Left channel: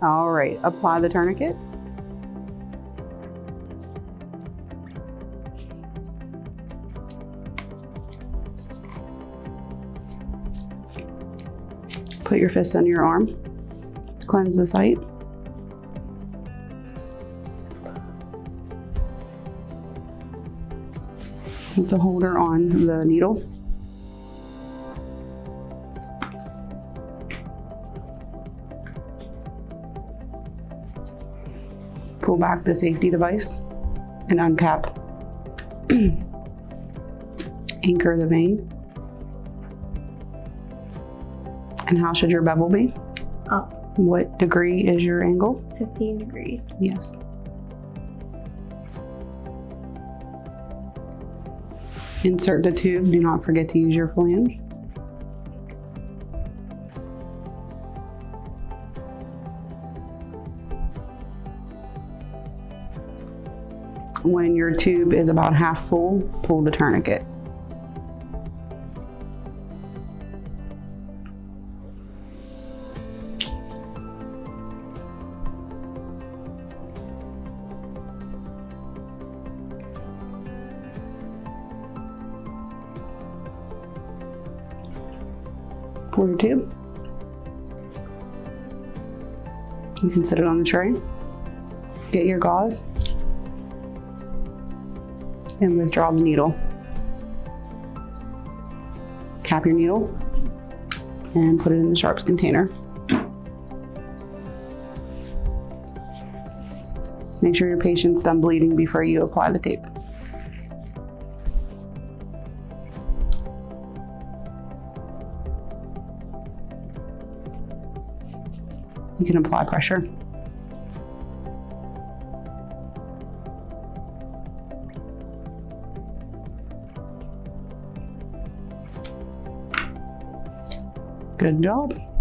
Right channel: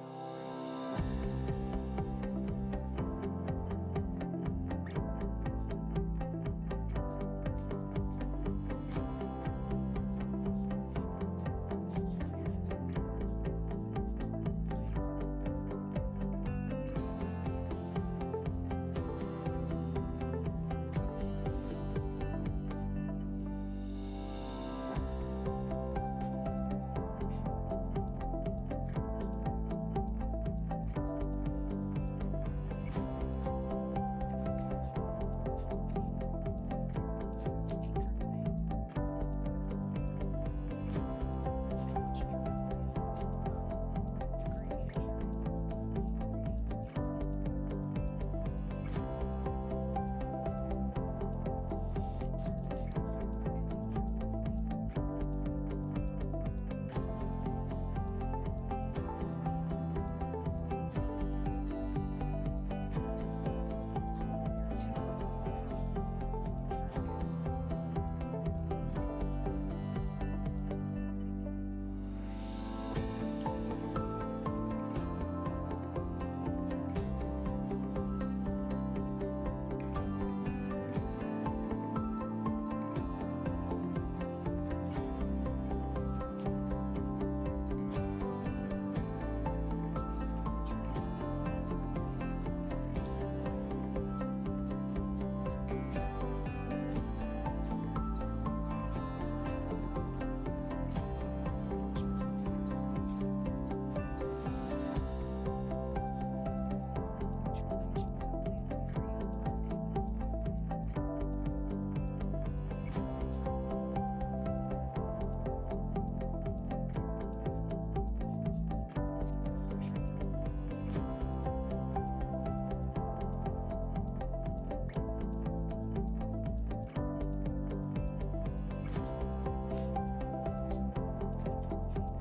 All right, apply the tourniquet. Put your fist under your arm. Cleanse the site. Keep the holder on the needle. Pull back the safety device and uncap. Anchor the vein. And how should your bevel be? Up. What degree is your angle? 15 degrees. Yes. Insert the tube. Do not forget to use your flange. When your tube is about half full, pull the tourniquet. Pull your tube. You can set it on the tray. Get your gauze and withdraw the needle. Cap your needle and put it in the sharps container. Make sure your patient's done bleeding before you apply the tape. You can apply pressure. Good job.